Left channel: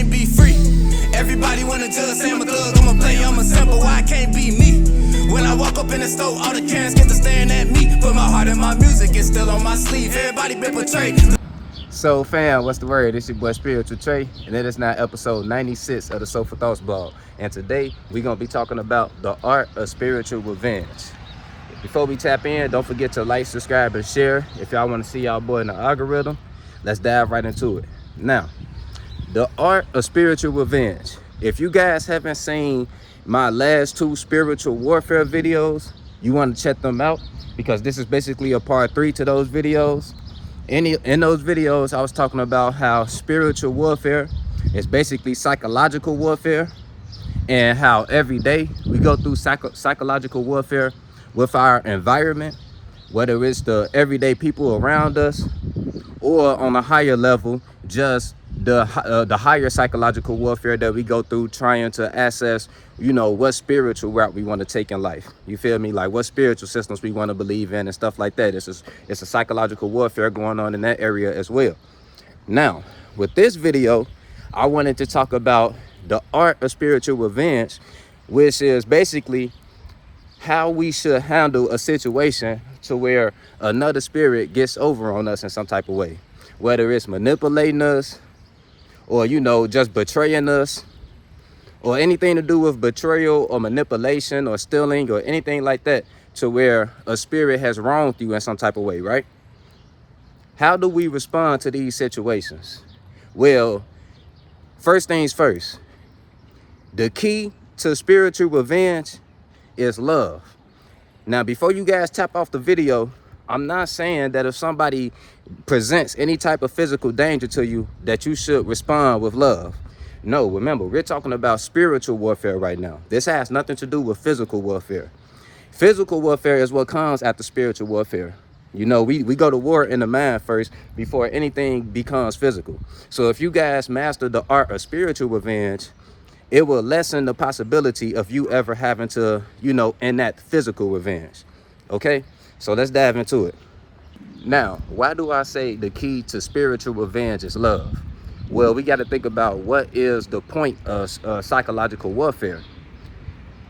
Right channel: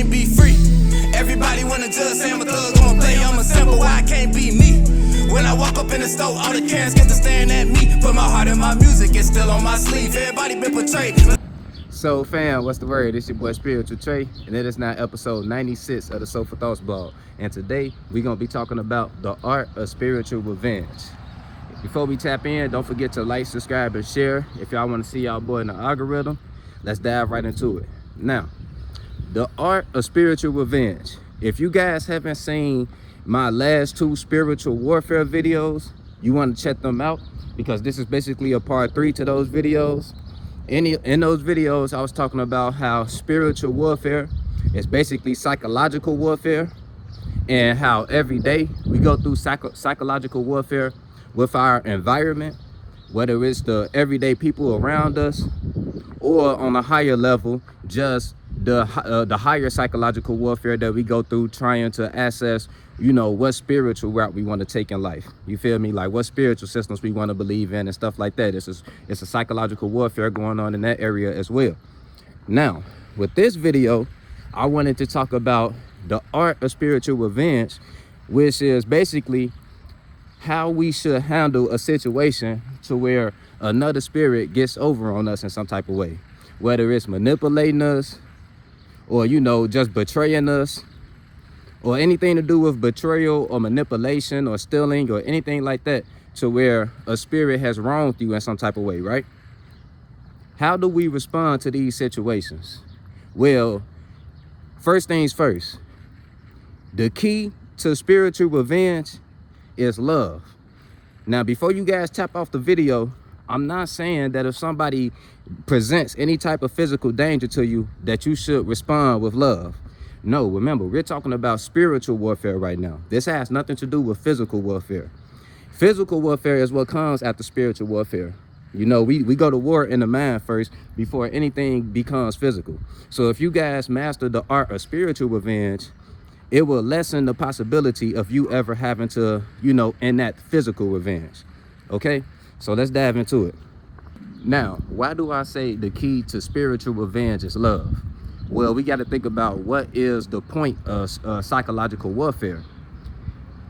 can't be free. Everybody wanna judge, say I'm a thug, I'm a player, I'm a simple, why I can't be me? When I walk up in the store, all the Karens get to staring at me. Put my heart in my music, it's still on my sleeve. Everybody been portrayed. So fam, what's the word? It's your boy Spiritual Trey, and that is now episode 96 of the Soulful Thoughts blog. And today we're gonna be talking about the art of spiritual revenge. Before we tap in, don't forget to like, subscribe, and share. If y'all want to see y'all boy in the algorithm, let's dive right into it. Now, the art of spiritual revenge. If you guys haven't seen my last two spiritual warfare videos, you want to check them out because this is basically a part 3 to those videos. In those videos, I was talking about how spiritual warfare is basically psychological warfare, and how every day we go through psychological warfare with our environment, whether it's the everyday people around us or on a higher level, just the higher psychological warfare that we go through trying to assess, you know, what spiritual route we want to take in life. You feel me? Like what spiritual systems we want to believe in and stuff like that. It's a psychological warfare going on in that area as well. Now, with this video, I wanted to talk about the art of spiritual revenge, which is basically how we should handle a situation to where another spirit gets over on us in some type of way, whether it's manipulating us or, you know, just betraying us, or anything to do with betrayal or manipulation or stealing or anything like that, to where a spirit has wronged you in some type of way, right? How do we respond to these situations? Well, first things first, the key to spiritual revenge is love. Now, before you guys tap off the video, I'm not saying that if somebody presents any type of physical danger to you that you should respond with love. No, remember, we're talking about spiritual warfare right now. This has nothing to do with physical warfare. Physical warfare is what comes after spiritual warfare. You know, we go to war in the mind first before anything becomes physical. So if you guys master the art of spiritual revenge, it will lessen the possibility of you ever having to, you know, enact physical revenge. Okay? So let's dive into it. Now, why do I say the key to spiritual revenge is love? Well, we got to think about what is the point of psychological warfare.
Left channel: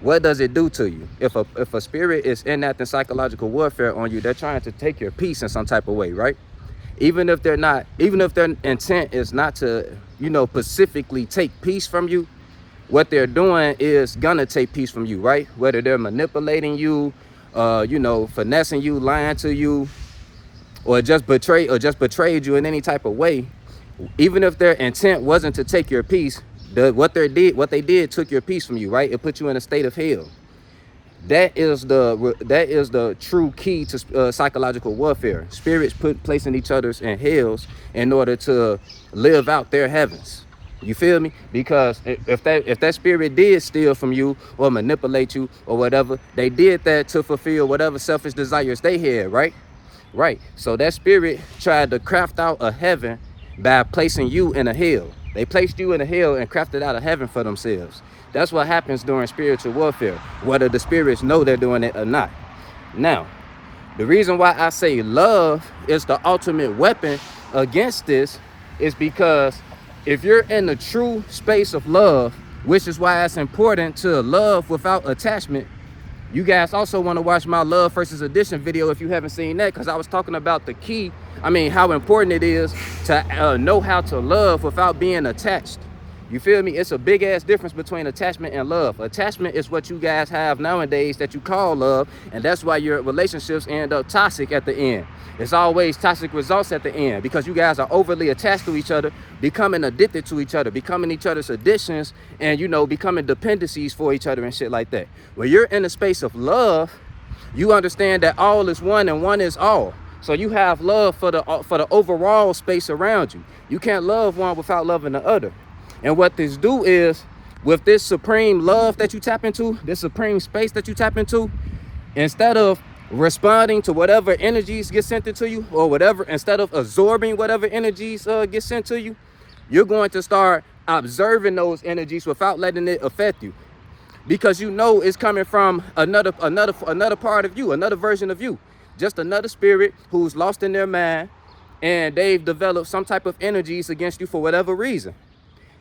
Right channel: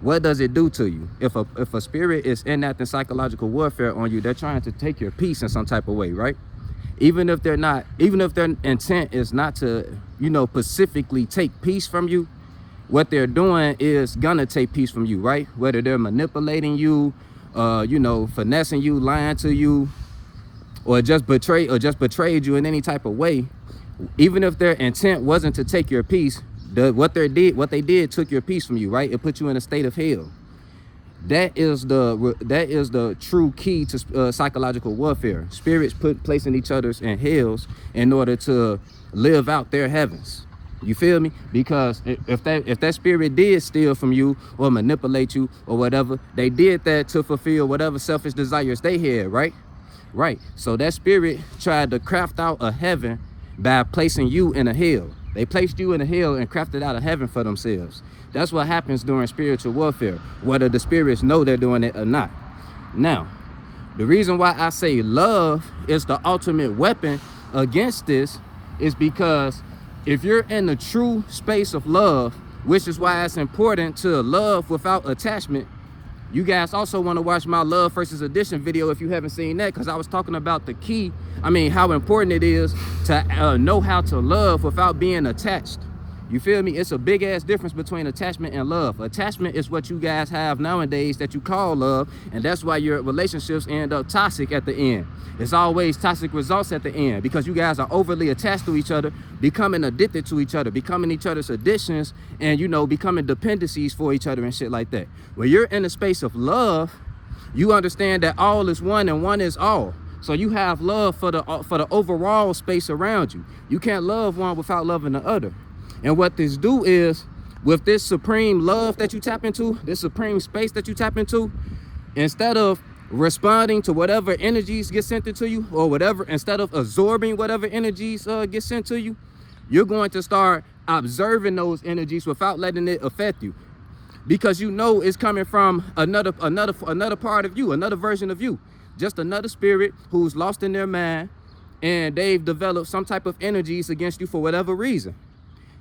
What does it do to you? If a spirit is enacting psychological warfare on you, they're trying to take your peace in some type of way, right? Even if their intent is not to, you know, specifically take peace from you, what they're doing is gonna take peace from you, right? Whether they're manipulating you, you know, finessing you, lying to you, or just betrayed you in any type of way. Even if their intent wasn't to take your peace, what they did took your peace from you, right? It put you in a state of hell. That is the true key to psychological warfare. Spirits placing each other's in hells in order to live out their heavens. You feel me? Because if that spirit did steal from you or manipulate you or whatever, they did that to fulfill whatever selfish desires they had, right? Right. So that spirit tried to craft out a heaven by placing you in a hell. They placed you in a hell and crafted out a heaven for themselves. That's what happens during spiritual warfare, whether the spirits know they're doing it or not. Now, the reason why I say love is the ultimate weapon against this is because if you're in the true space of love, which is why it's important to love without attachment. You guys also want to watch my Love versus Addiction video if you haven't seen that, because I was talking about the key. I mean, how important it is to know how to love without being attached. You feel me? It's a big ass difference between attachment and love. Attachment is what you guys have nowadays that you call love, and that's why your relationships end up toxic at the end. It's always toxic results at the end because you guys are overly attached to each other, becoming addicted to each other, becoming each other's addictions, and, you know, becoming dependencies for each other and shit like that. When you're in the space of love, you understand that all is one and one is all. So you have love for the overall space around you. You can't love one without loving the other. And what this do is, with this supreme love that you tap into, this supreme space that you tap into, instead of responding to whatever energies get sent into you, or whatever, instead of absorbing whatever energies get sent to you, you're going to start observing those energies without letting it affect you, because you know it's coming from another part of you, another version of you, just another spirit who's lost in their mind, and they've developed some type of energies against you for whatever reason.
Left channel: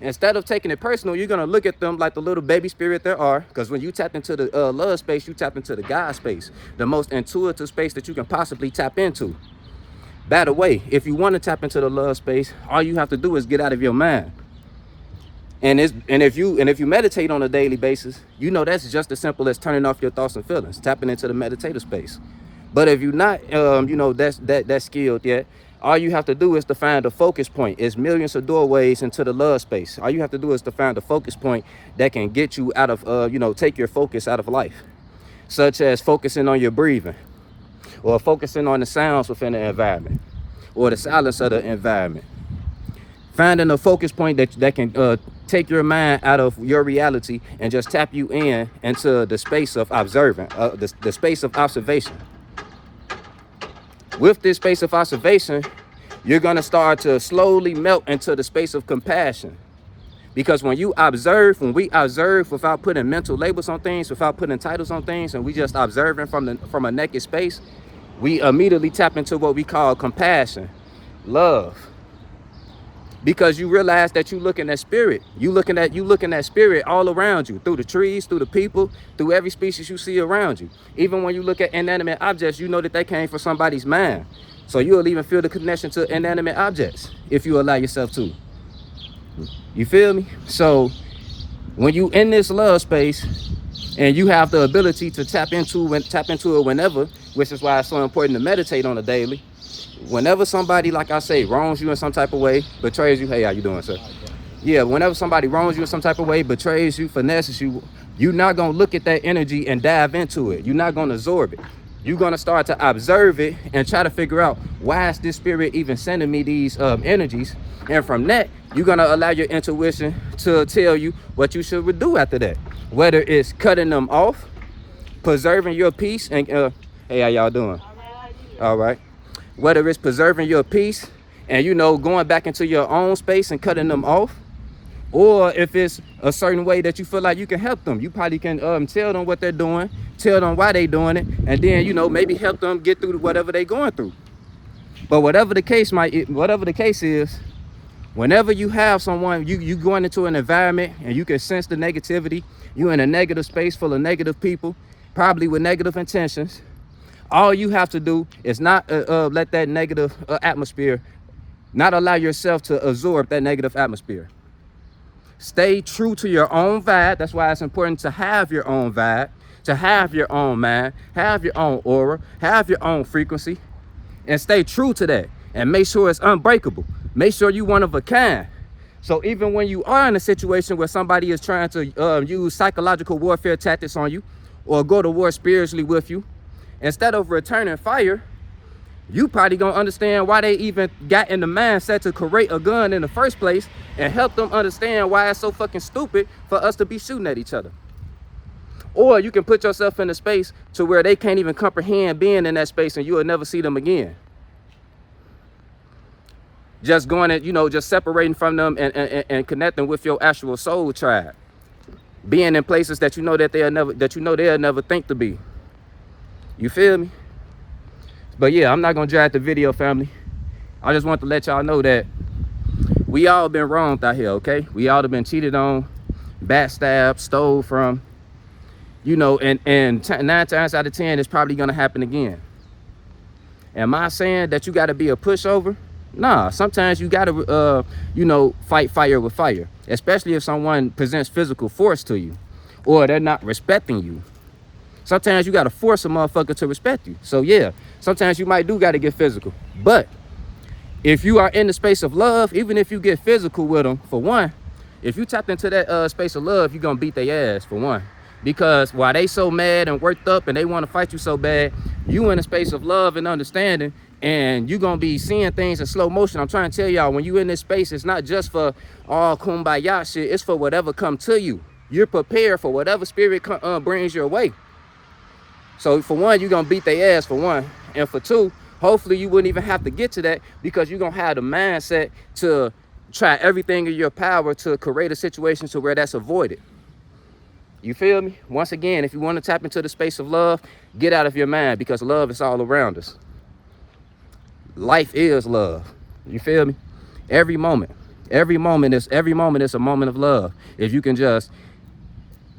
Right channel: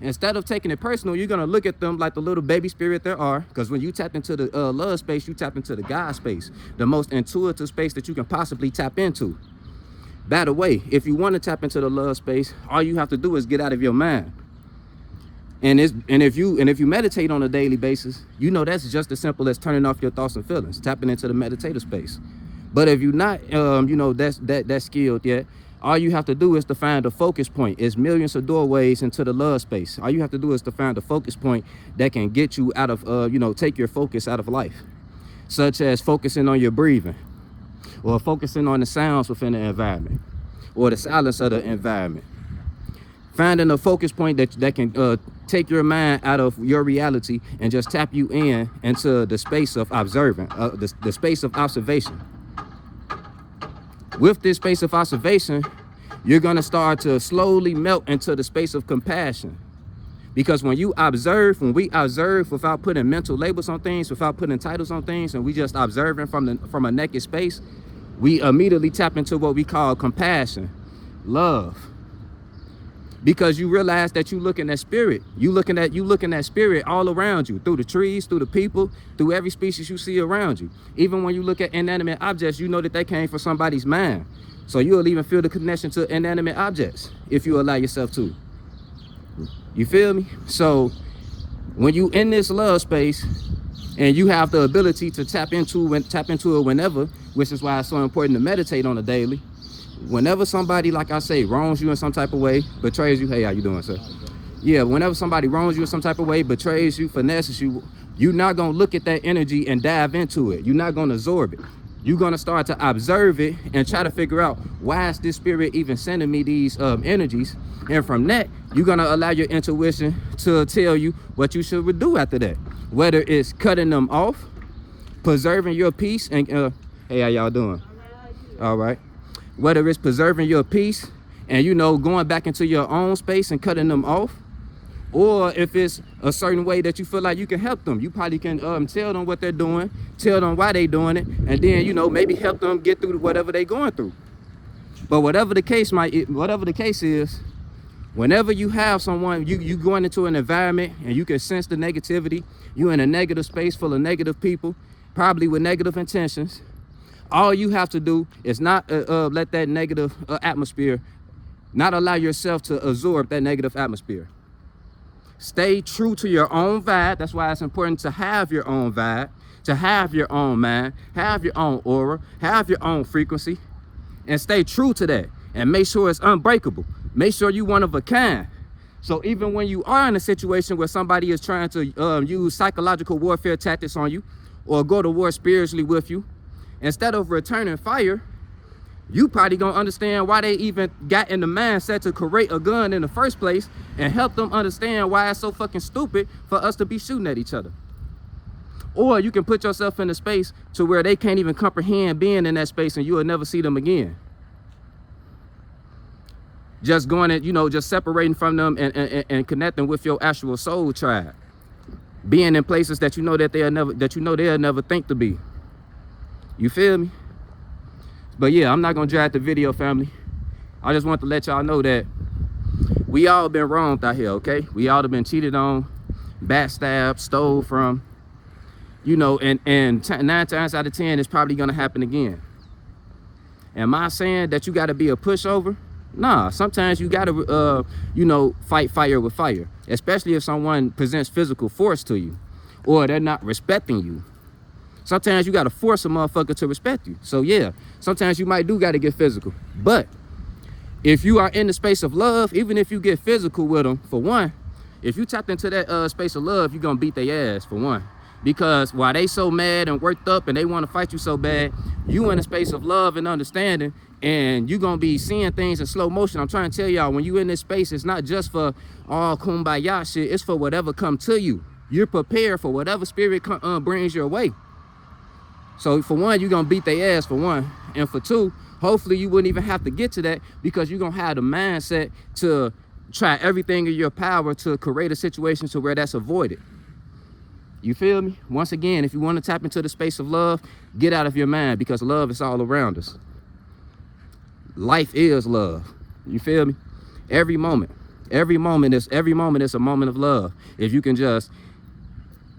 instead of taking it personal, you're gonna look at them like the little baby spirit there are. Because when you tap into the love space, you tap into the God space, the most intuitive space that you can possibly tap into. By the way, if you want to tap into the love space, all you have to do is get out of your mind. And if you meditate on a daily basis, you know that's just as simple as turning off your thoughts and feelings, tapping into the meditative space. But if you're not, that's skilled yet, all you have to do is to find a focus point. It's millions of doorways into the love space. All you have to do is to find a focus point that can get you out of, take your focus out of life, such as focusing on your breathing, or focusing on the sounds within the environment, or the silence of the environment. Finding a focus point that can take your mind out of your reality and just tap you into the space of observing, the space of observation. With this space of observation, you're gonna start to slowly melt into the space of compassion. Because when we observe without putting mental labels on things, without putting titles on things, and we just observing from a naked space, we immediately tap into what we call compassion, love. Because you realize that you looking at spirit. You looking at spirit all around you, through the trees, through the people, through every species you see around you. Even when you look at inanimate objects, you know that they came from somebody's mind. So you'll even feel the connection to inanimate objects if you allow yourself to. You feel me? So when you in this love space and you have the ability to tap into it whenever, which is why it's so important to meditate on a daily. Whenever somebody, like I say, wrongs you in some type of way, betrays you, hey, how you doing, sir? Yeah, whenever somebody wrongs you in some type of way, betrays you, finesses you, you're not gonna look at that energy and dive into it. You're not gonna absorb it. You're gonna start to observe it and try to figure out, why is this spirit even sending me these energies? And from that, you're gonna allow your intuition to tell you what you should do after that. Whether it's cutting them off, preserving your peace, and hey, how y'all doing? All right. Whether it's preserving your peace and, going back into your own space and cutting them off, or if it's a certain way that you feel like you can help them, you probably can tell them what they're doing, tell them why they're doing it, and then, maybe help them get through whatever they're going through. But whatever the case is, whenever you have someone, you going into an environment and you can sense the negativity, you're in a negative space full of negative people, probably with negative intentions. All you have to do is not let that negative atmosphere, not allow yourself to absorb that negative atmosphere. Stay true to your own vibe. That's why it's important to have your own vibe, to have your own mind, have your own aura, have your own frequency, and stay true to that. And make sure it's unbreakable. Make sure you're one of a kind. So even when you are in a situation where somebody is trying to use psychological warfare tactics on you, or go to war spiritually with you, instead of returning fire, you probably gonna understand why they even got in the mindset to create a gun in the first place, and help them understand why it's so fucking stupid for us to be shooting at each other. Or you can put yourself in a space to where they can't even comprehend being in that space, and you will never see them again. Just going at, just separating from them and connecting with your actual soul tribe. Being in places that they'll never think to be. You feel me? But yeah, I'm not gonna drag the video, family. I just want to let y'all know that we all been wronged out here, okay? We all have been cheated on, backstabbed, stole from, and 9 times out of 10, it's probably gonna happen again. Am I saying that you gotta be a pushover? Nah, sometimes you gotta, fight fire with fire, especially if someone presents physical force to you, or they're not respecting you. Sometimes you gotta force a motherfucker to respect you. So yeah, sometimes you gotta get physical. But if you are in the space of love, even if you get physical with them, for one, if you tap into that space of love, you're gonna beat their ass, for one. Because while they so mad and worked up and they wanna fight you so bad, you in a space of love and understanding, and you're gonna be seeing things in slow motion. I'm trying to tell y'all, when you in this space, it's not just for all kumbaya shit, it's for whatever come to you. You're prepared for whatever spirit brings your way. So for one, you're gonna beat their ass, for one. And for two, hopefully you wouldn't even have to get to that, because you're gonna have the mindset to try everything in your power to create a situation to where that's avoided. You feel me? Once again, if you want to tap into the space of love, get out of your mind, because love is all around us. Life is love. You feel me? Every moment. Every moment is a moment of love. If you can just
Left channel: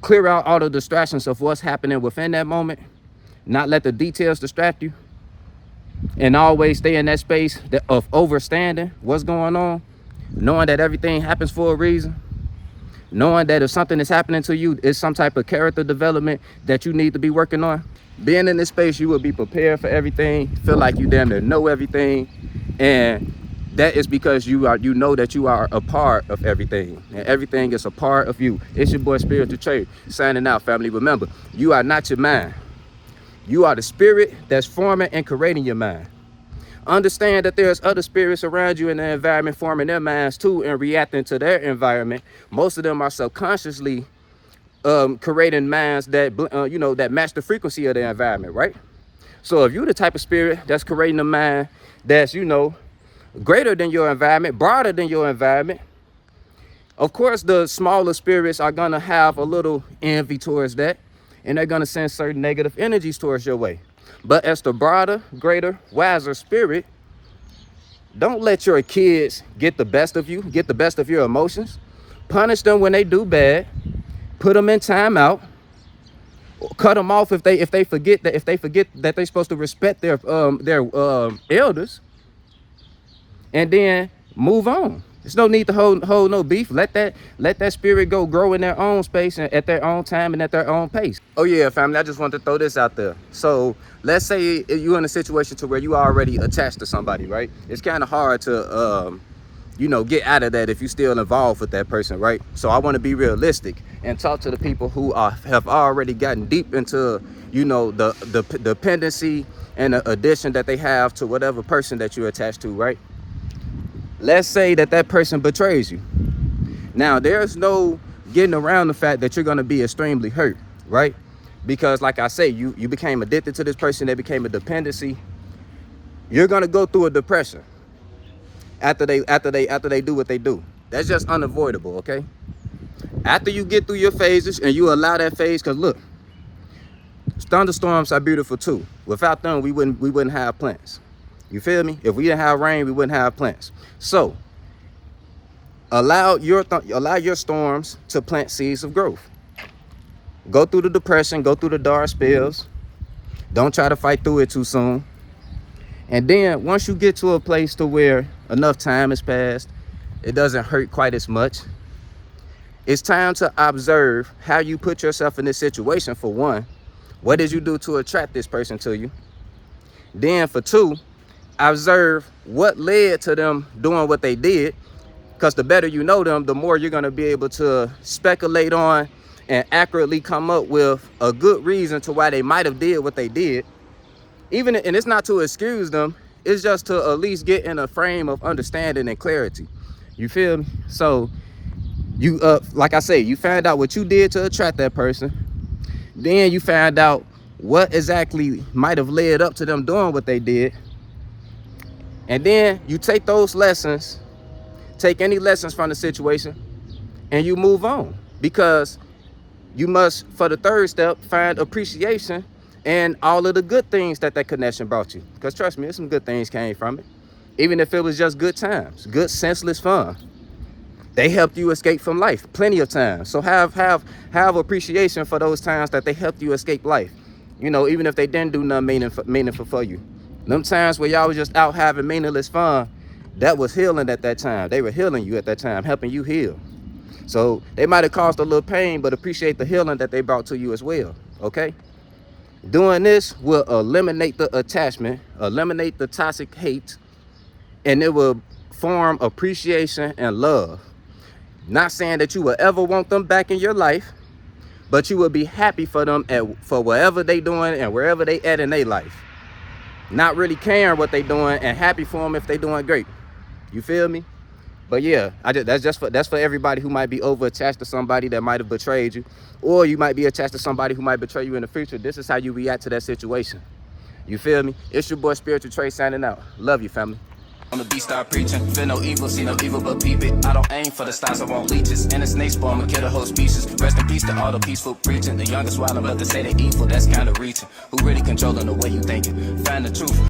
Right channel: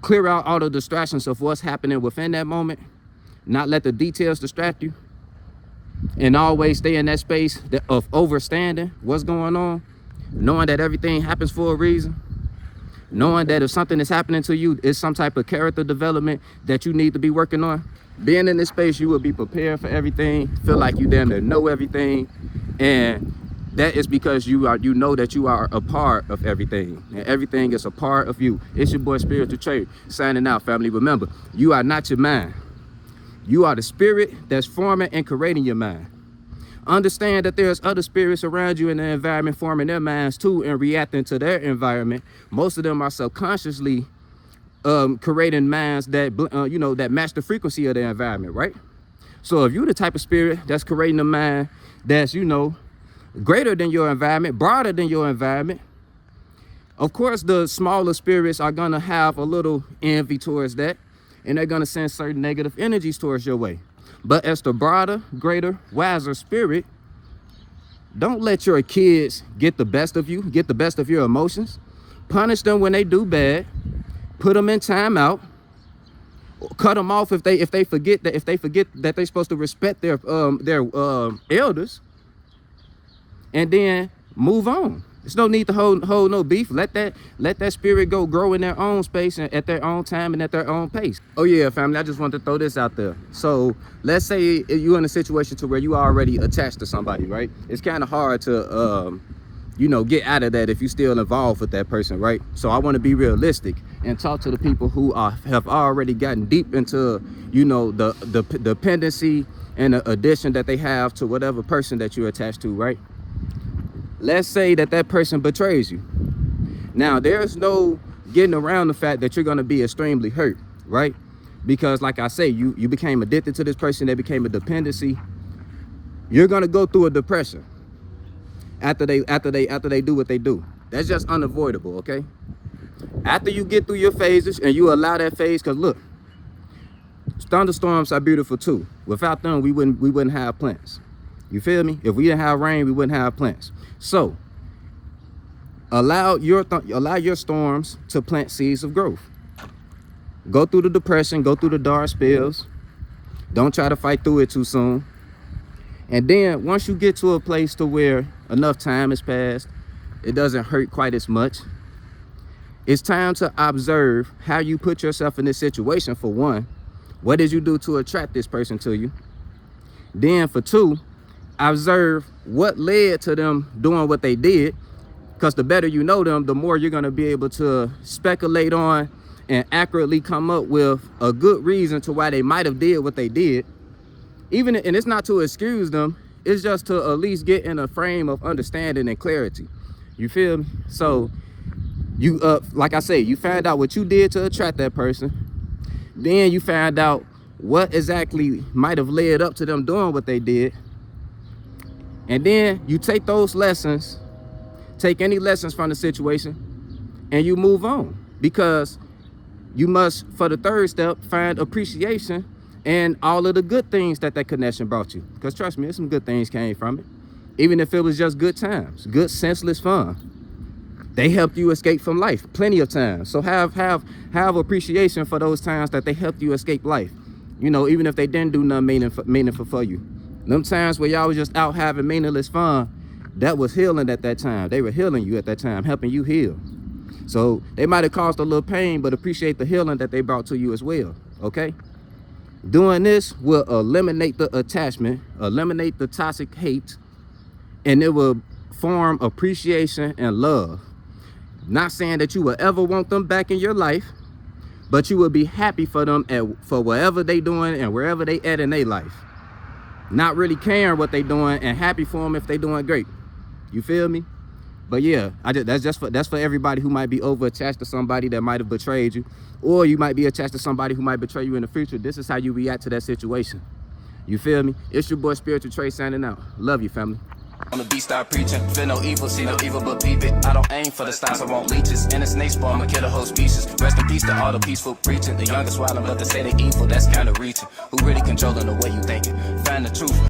clear out all the distractions of what's happening within that moment, not let the details distract you, and always stay in that space of overstanding what's going on, knowing that everything happens for a reason, knowing that if something is happening to you, it's some type of character development that you need to be working on. Being in this space, you will be prepared for everything, feel like you damn near know everything, and that is because you know that you are a part of everything, and everything is a part of you. It's your boy Spiritual Trey signing out, family. Remember, you are not your mind. You are the spirit that's forming and creating your mind. Understand that there's other spirits around you in the environment forming their minds too and reacting to their environment. Most of them are subconsciously creating minds that that match the frequency of the environment, right? So if you're the type of spirit that's creating a mind that's greater than your environment, broader than your environment, of course the smaller spirits are gonna have a little envy towards that, and they're gonna send certain negative energies towards your way. But as the broader, greater, wiser spirit, don't let your kids get the best of you, get the best of your emotions. Punish them when they do bad. Put them in timeout. Cut them off if they forget that they're supposed to respect their elders. And then move on. There's no need to hold no beef. Let that spirit grow in their own space and at their own time and at their own pace. Oh yeah, family, I just want to throw this out there. So let's say you're in a situation to where you already attached to somebody, right? It's kind of hard to get out of that if you're still involved with that person, right? So I want to be realistic and talk to the people who have already gotten deep into the dependency and the addiction that they have to whatever person that you're attached to, right? Let's say that person betrays you. Now, there's no getting around the fact that you're going to be extremely hurt, right? Because like I say, you became addicted to this person. They became a dependency. You're going to go through a depression after they do what they do. That's just unavoidable, okay? After you get through your phases and you allow that phase, because look, thunderstorms are beautiful too. Without them, we wouldn't have plants. You feel me? If we didn't have rain, we wouldn't have plants. So allow your storms to plant seeds of growth. Go through the depression, go through the dark spells. Don't try to fight through it too soon. And then once you get to a place to where enough time has passed, it doesn't hurt quite as much. It's time to observe how you put yourself in this situation. For one, what did you do to attract this person to you? Then for two, observe what led to them doing what they did, because the better you know them, the more you're going to be able to speculate on and accurately come up with a good reason to why they might have did what they did. And it's not to excuse them, it's just to at least get in a frame of understanding and clarity. You feel me? So you like I say, you found out what you did to attract that person. Then you found out what exactly might have led up to them doing what they did. And then you take those lessons, take any lessons from the situation, and you move on. Because you must, for the third step, find appreciation and all of the good things that connection brought you. Because trust me, some good things came from it. Even if it was just good times, good senseless fun. They helped you escape from life plenty of times. So have appreciation for those times that they helped you escape life. Even if they didn't do nothing meaningful for you. Them times where y'all was just out having meaningless fun, that was healing at that time. They were healing you at that time, helping you heal. So they might have caused a little pain, but appreciate the healing that they brought to you as well, okay? Doing this will eliminate the attachment, eliminate the toxic hate, and it will form appreciation and love. Not saying that you will ever want them back in your life, but you will be happy for them for whatever they doing and wherever they at in their life. Not really caring what they doing and happy for them if they doing great. You feel me? But yeah, that's for everybody who might be over attached to somebody that might have betrayed you, or you might be attached to somebody who might betray you in the future. This is how you react to that situation. You feel me? It's your boy Spiritual Trey signing out. Love you, family. On the beat, start preaching. Feel no evil, see no evil, but peep it. I don't aim for the stars, I want leeches. And a snake spawn, I'ma kill the whole species. Rest in peace to all the peaceful preaching. The youngest wildin', but they say they evil, that's kinda reaching. Who really controlling the way you thinking? Find the truth.